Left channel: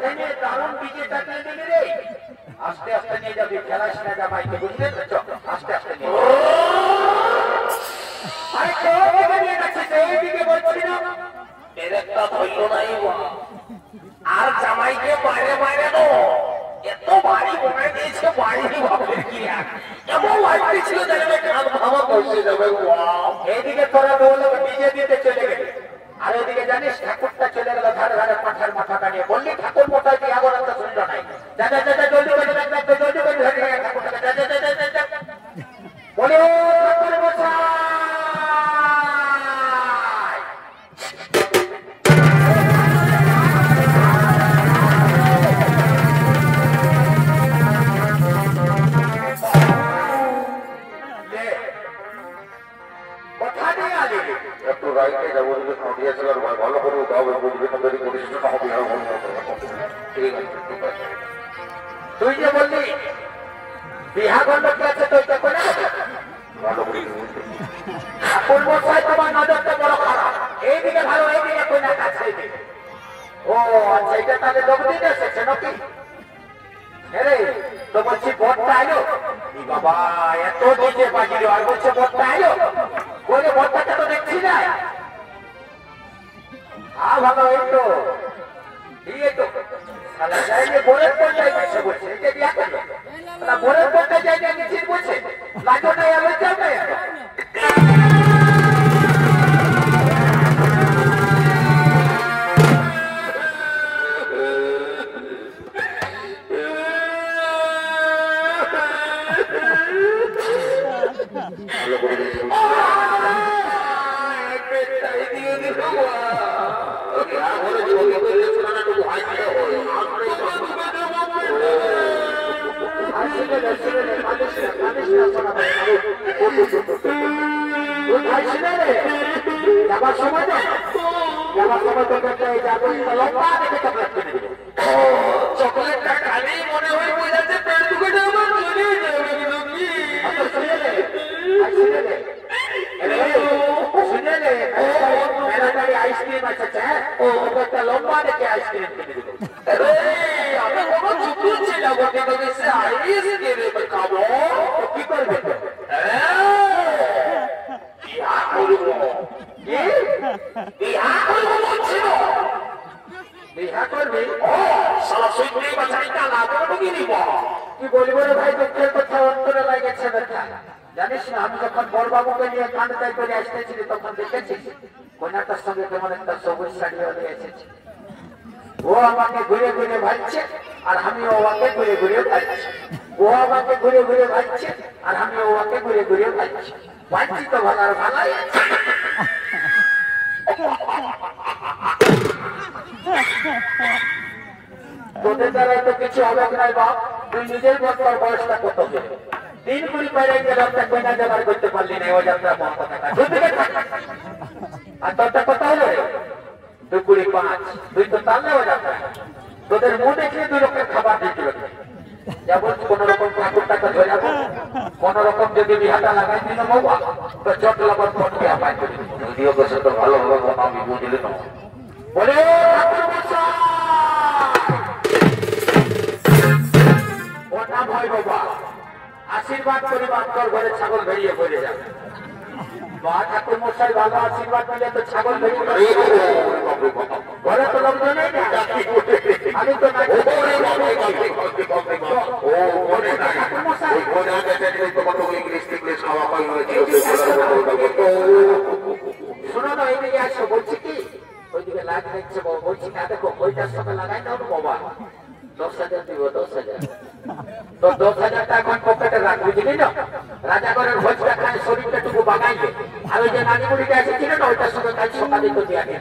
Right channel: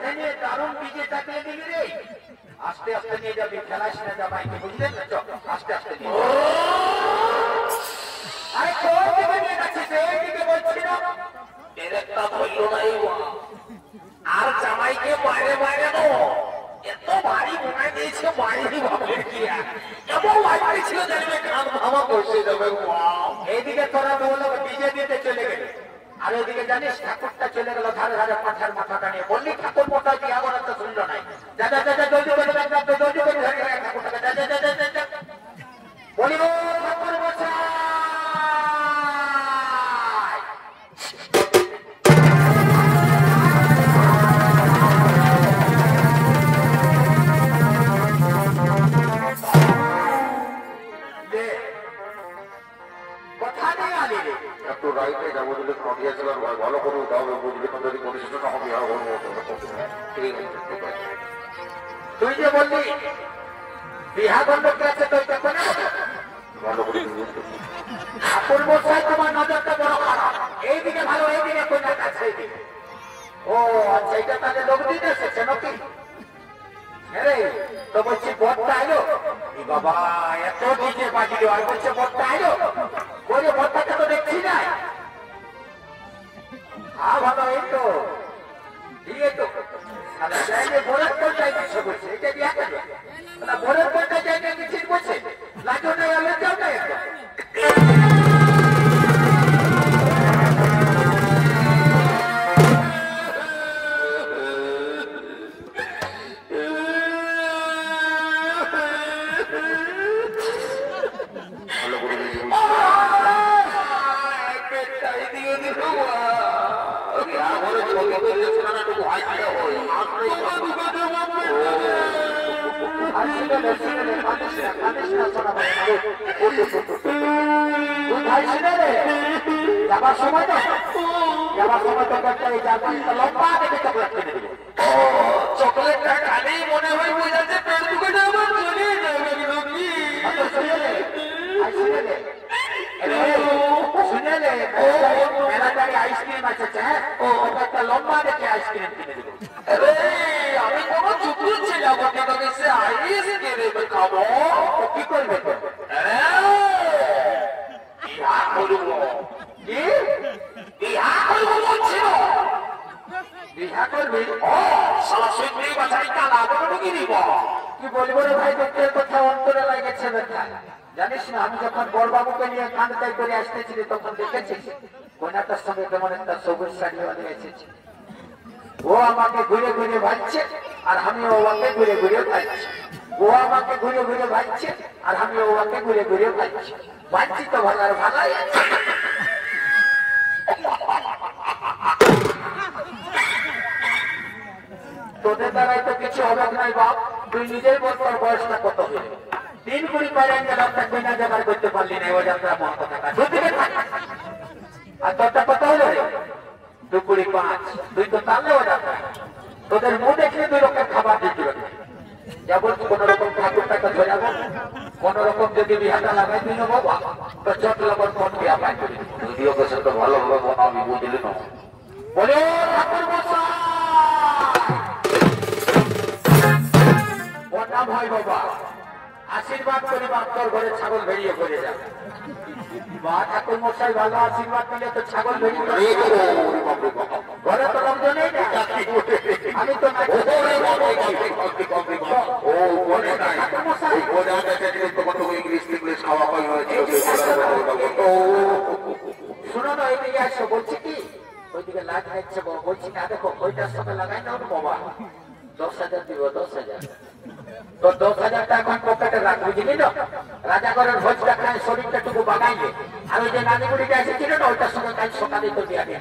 কাঁধে নিয়ে দারুণ ডিজে চাপিয়ে দিলি রে। আস্তে আস্তে নিয়ে যাবি, খেলাস না জামাইকে, বুঝলি তো? আস্তে আস্তে নিয়ে আরে কোন নিয়ে যাচ্ছে সেই দিকে বলছি না একটা ধৈর্য নাই আর জামাইকে বাইরে বাইরে নো এত বাড়ি বানায় দিয়েছে বাড়ি ভাবলেন কি এমন লাগতে ছিল দেখবে কান ভাঙা বসে যাবে। এইদিকে তোরা বললো ডিজে দিতে চলে গেলে আর ওদিকে জানিস ঠাকুরটা চলে গেল ধারে ধারে পাঠার মাথা দাঁড়িয়ে বললি ঠাকুর মোটাই কি আবার একটা শুনল নাই যা যা যা জলদি করে জলদি করে ধরে গেল ঠাকুরটাকে যা যা যা যা যা বলে ও ঠাকুর মশাই ভালো করে তুই যে বললি বিহা গণ্ডকে আছে তো করে ঠাকুর মশাই তোমার নজরটা বড় খারাপ এইদিকে ভালো এইদিকে কোনার কাছে ও আচ্ছা এটা তাদের লোক দিতে এসেছে নাকি তো বলছি বরটা এলো বাবা এত দিকে বাজিল আর বলছে বরটা এলো বলে বরটাকে তো দেখছি না ভালো এই তো দিয়ে তো যাইলে বোরের করতে যাইছে বলছে এটা দিয়া কেন বোরের করতে যাইলে নিশ্চিত বলছে লাজো নেই আমার যাবে যাবার সময় চকলেটটা খালি মনে হয় আইসক্রিম আছে একটা লম্বা দেখে আইসক্রিম কিনে দিল কি করবে কি বলবো রে ভাই দুঃখের কথা অন্তরে লাগেছে দেখা জানিস না আমি যখন বড়বাবুকে নিয়ে কান্দাই করে আসতেছি তখন দেখেছিস কোনাটার সঙ্গে কেমন একটা সবুজ শাড়ি হয়ে এসেছে ও আমাকে ঘুরে ঘুরে ভাবছে আর আমি ওকে ঘুরে ঘুরে ভাবছি ও আমাকে ঘুরে ঘুরে ভাবছে আর আমি ওকে ঘুরে ঘুরে ভাবছি ভাবছি তো ভালো আর ভালোই তোদের দ্বারাই তো কিছু হবে নাই বাপ তুই নিজের বছর বয়সটা কত দেবে 3 পারে গেল একটা কন্যা জোগাড় করতে পারলি না ও যাত্রা মন্ত্র থাকা আর তোরটা কত হলো রে 2 তুই তো তাহলে ও যাত্রা তোদের মুখ দেখলে 2 রকম খাবার দিতে হবে যেমন কোন রকম ঠাকুরটাকে ধরে যাবো কোন রকম যদি বিহাটা লাগাই দিল বাবা তো চট লগর ফোন করে পাই যদিও বসে তো ভালো হলো বাবা আমি মনে নাও বলে ওটা ভয় বাবা আশীর্বাদ করে মাত্র ঘরে ছাগল বেরিয়ে করে যাবে মা ঠাকুর মশাই ভালো আশীর্বাদ দিলে তো ছাগল বেরিয়ে ঘরে তো লোকজন নেই না আমি তো শোনো না এদিকে আসো বলছি কি ওইদিকে লাইট দেখছে বলছি না দেখো ওইটার সঙ্গে লাগাই দাও বাবা 10,000 দিব 10,000 তো 10,000 টাকা এখন পকেটে রাখবি বুঝলি না রাজাগরের ভোজটা খায় শরীরটা টুকু বাগাইলে আর ওই যে নানিগুড়িটা এসেছিল না ওইটার সঙ্গে কাজ সকালে তো দিয়া দিয়ে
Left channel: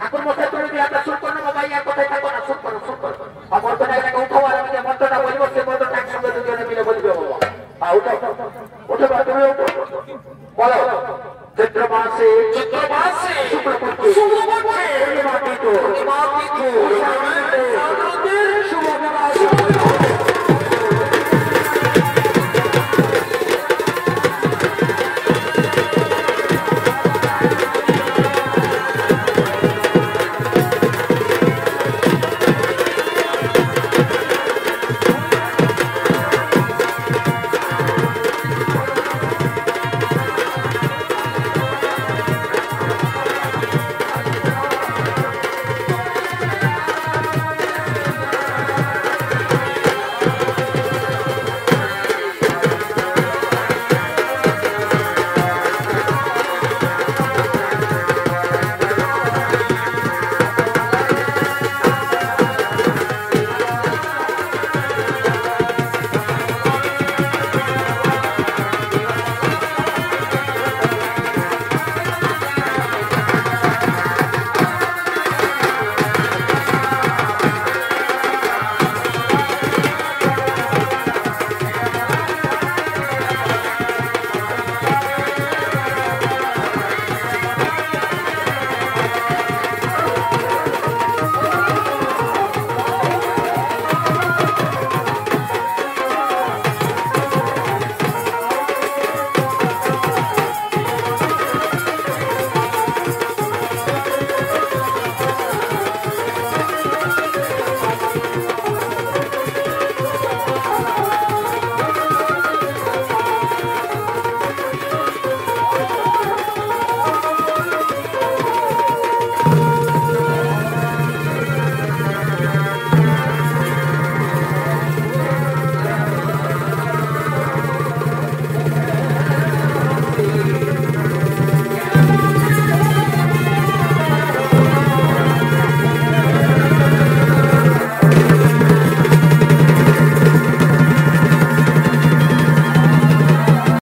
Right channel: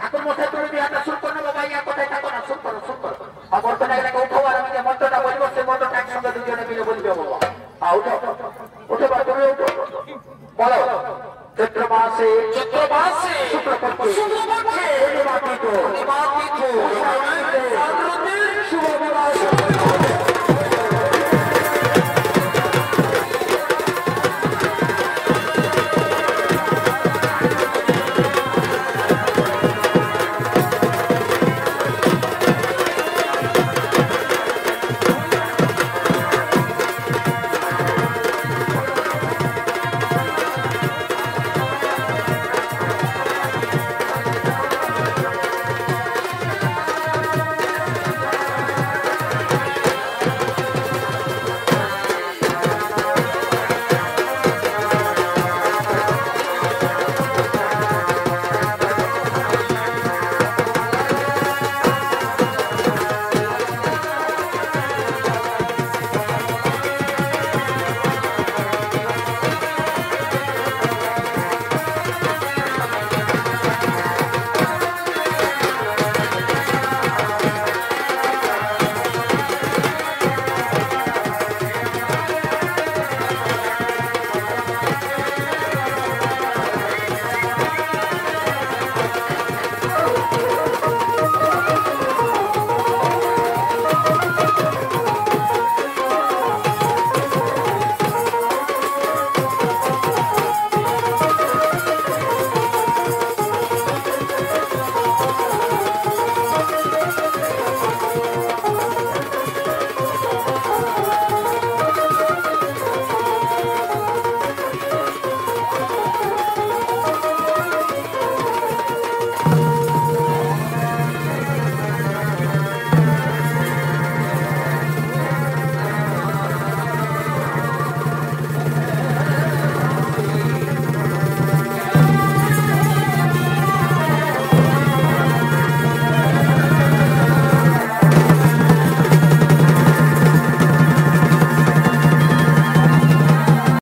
ঠাকুর মশাই তুমি বিয়াটা শুট করো বাবা ইয়া কোথায় থাকো না শুট করো মন্ত্রটা এটাকে উঠো আর আমি যে মন্ত্রটা বলবো সে মন্ত্রটা একসঙ্গে দুজনে মিলে বলবে বাবা